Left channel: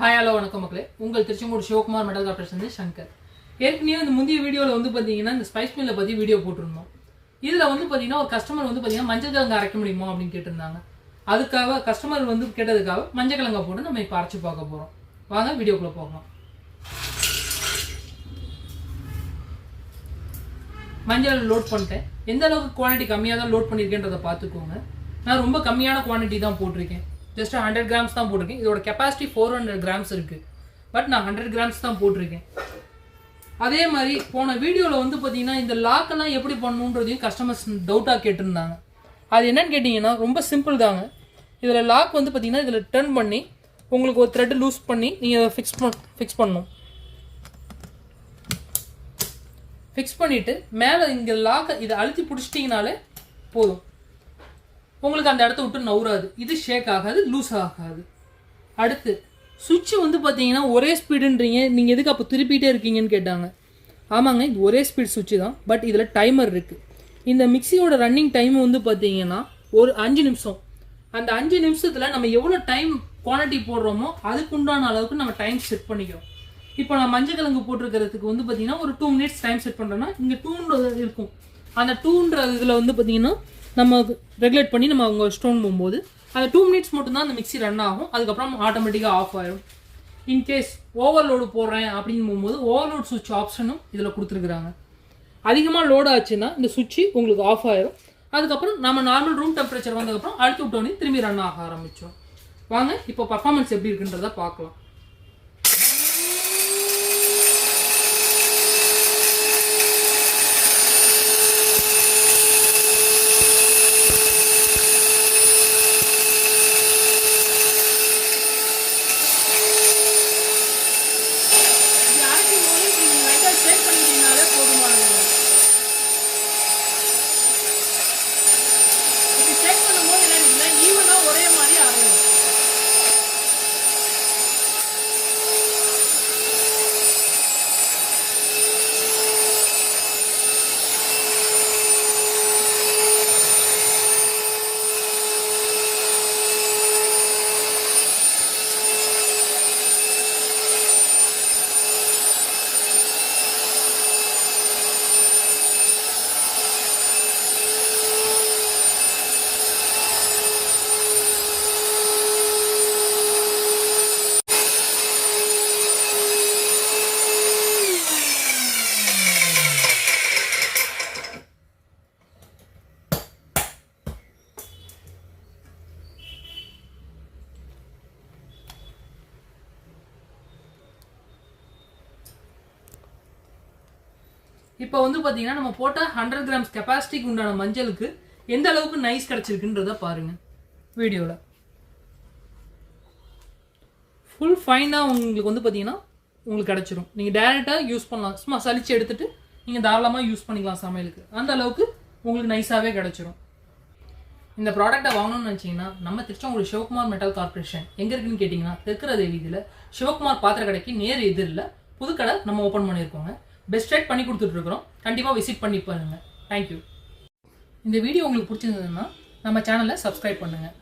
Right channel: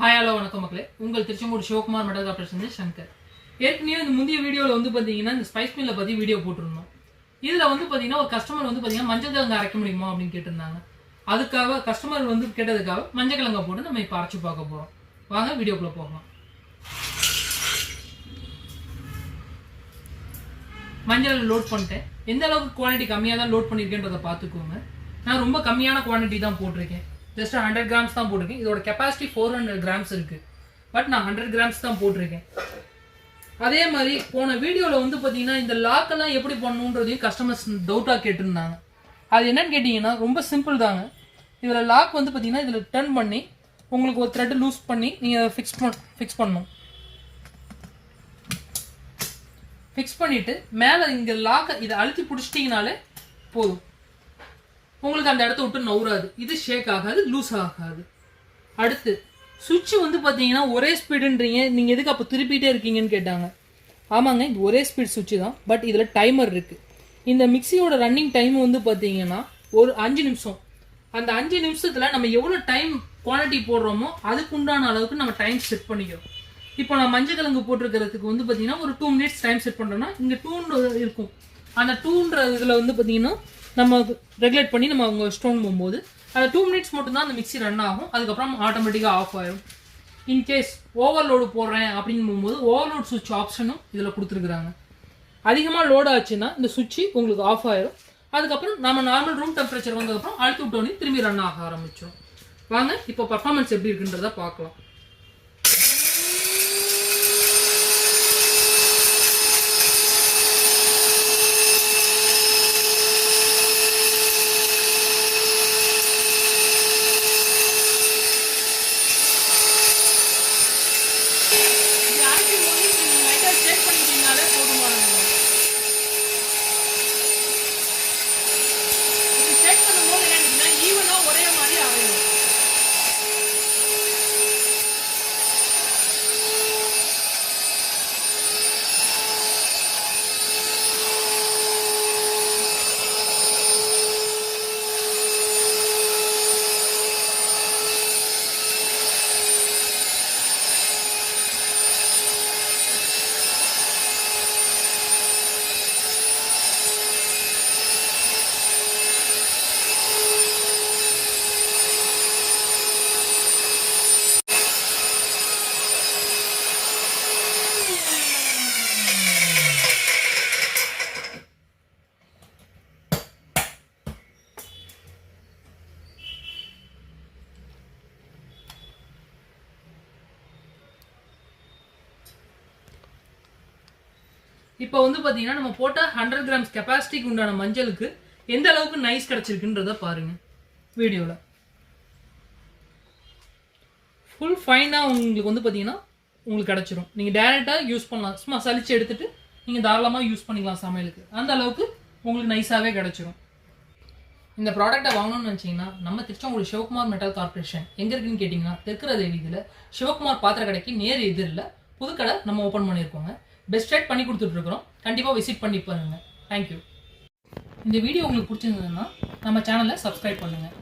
Hi hello வணக்கம் மக்களே. உங்கள் திருச்செங்கோடு சிவகுமார் மெட்டல் கார்பரேஷன் சங்கர். ஏற்கனவே இந்த முந்தைய வீடியோவில் வந்து பார்த்தீங்கன்னா இந்த ஸ்பைஸ் மில்லை பற்றி வீடியோ போட்டிருந்தோம். இதில் வந்து பார்த்தீங்கன்னா ஒரு கஸ்டமர் வந்து பார்த்தீங்கன்னா மஞ்சள் கிழங்கு அரைக்க முடியுமா அப்படின்னு கேட்டிருந்தாங்க. அதுக்காக கஸ்டமர் வந்து கேட்டதுக்காக மஞ்சள் கிழங்கை போட்டு நம்ம இப்போ அரைச்சி பார்க்க போகிறோம். வாங்க வீடியோக்குள்ளே போகலாம். மஞ்சள் லோட் பண்ணிட்டேன். எந்த அளவுக்கு குவான்டிட்டி கம்மியாக தான் லோட் பண்ணியிருக்கேன்றதை பார்த்துக்கோங்க. நான் ரொம்ப கம்மியான குவான்டிட்டி தான் போட்டிருக்கேன். ஜஸ்ட் 100 கிராம்ஸ் தான் போட்டிருக்கேன். இதோட கெப்பாசிட்டி 400 கிராம்ஸ் இருக்குது. பட் நான் 100 கிராம்ஸ் தான் போட்டிருக்கேன். அதே மாதிரி போன வீடியோவில் வந்து பார்த்தீங்கன்னா இந்த லாக்கெல்லாம் எப்படி பண்ணணுன்றதையும் கஸ்டமர்ஸ் டவுட்டாக கேட்டிருந்தாங்க. அது என்னன்னு கேட்டிங்கன்னா ரொம்ப சிம்பிள் தாங்க. இதில் லாக் வந்து பார்த்தீங்கன்னா இதில் டர்ன் பண்ணி உங்களுக்கு ஒரு த்ரெட் லூஸ் பண்ணி நீங்கள் அதை ஃபிக்ஸ் பண்ணணும். ஃபிக்ஸ் பண்ணிவிட்டு மேலே இங்கே லாக்கை இதை அழுத்தி பிடிச்சிட்டிங்கனாலே போதும். உங்களுக்கு அந்த இடத்த விட்டு நவுறாது. இது ஷேக் ஆகாது, லூஸ் ஆகாது. அடுத்து சுவிட்ச் வந்து பார்த்தீங்கன்னா ஒரே ஸ்பீடுன்றீங்க, நீங்கள் எதுக்கு அப்போ திருப்பிகிட்டே இருக்கீங்கன்னு கேட்டாங்க. ஆமாங்க, இது ஒரே ஸ்பீட் சுவிட்ச் தான். பட் இதில் டைமர் இருக்குது. இந்த மிக்சியோட ரன்னிங் டைம் வந்து பார்த்தீங்கன்னா ஒரு 5 நிமிஷம். அந்த 5 நிமிஷத்தில் நம்ம எவ்வளோ டைம் குவான்டிட்டி போடுறோமோ அதுக்கு உண்டான அளவுக்கு நம்ம டைம் செட் பண்ணிக்கிறோம். இப்போ நான் மஞ்சள் கிழங்கு போட்டிருக்கிறதுக்கு வந்து பார்த்தீங்கன்னா ஒரு 2 மினிட்ஸ் டைம் செட் பண்ணுறோன்னா இங்கே 2 இருக்கும். அந்த 2ன்ற இதில் வந்து பார்த்தீங்கன்னா நம்ம ரெகுலேட் பண்ணி நம்ம அவங்க ஸ்டோன் போகும்போது அந்த 2 மினிட்ஸ் மட்டும்தான் அந்த மிக்சி ரன் ஆகும். அதுக்கப்புறம் ஆட்டோமேட்டிக்காக ஆஃப் ஆகிடும். இன்கேஸ் ஓவர்லோடு போடுறேன் அப்படின்னு போகும்போது ஓவர்லோட் சுவிட்ச் ஆப்ஷனும் இதில் கொடுத்துருக்குறாங்க. அதிகமாக லோட் ஆச்சுன்னா இந்த சுவிட்சு உங்களுக்கு ஆஃப் ஆயிடும். அதுக்கப்புறம் நம்ம நார்மல் ரூம் டெம்பரேச்சர் வந்ததுக்கப்புறம் அழுத்தி விட்டோன்னே திரும்பி ரன் ஆக ஆரம்பிச்சிடும். வாங்க இப்போ பர்ஃபார்மன்ஸ் எப்படி இருக்குன்றதை பார்க்கலாம். ஒரே மாதிரி அரையும். இப்போ வந்து பார்த்தீங்கன்னா நம்ம போட்ட 100 கிராம்ஸ் கெப்பாசிட்டிக்கு உண்டான மஞ்சளுக்கு எந்த அளவுக்கு நைஸ் கிடச்சிருக்குன்றத பாருங்க வீடியோவில். ஃபுல் ஃபைனாக உங்களுக்கு வந்து பார்த்தீங்கன்னா உங்களுக்கு கிடச்சிரும். நீங்கள் டைரெக்டாக யூஸ் பண்ணலாம். சும்மா சலிச்சு எடுத்துகிட்டு நீங்கள் தாராளமாக யூஸ் பண்ணிக்கலாம் சமையலுக்கு. அந்த அளவுக்கு உங்களுக்கு நைஸாகவே கிடச்சிரும். இந்த ப்ராடக்ட்டை வாங்கணும்னு நினச்சிங்கன்னா நம்ம திருச்செங்கோடு சிவகுமார் மெட்டல் கார்பரேஷன் எங்கே இருக்குன்னு கேட்டிங்கன்னா தெற்குற தேவியில் சிவகுமார் பாத்திர கடைக்கு நேர் எதிரில் புதுக்கடை நம்ம ஓப்பன் பண்ணியிருக்கோங்க. பெஸ்ட் ரேட் பண்ணி கொடுத்துட்ருக்குறோம். கண்டிப்பாக விசிட் பண்ணி பாருங்கள். தேங்க்யூ. இந்த வீடியோ உங்களுக்கு பிடிச்சிருந்ததுன்னா நம்ம சேனலை சப்ஸ்கிரைப் பண்ணுங்கள்.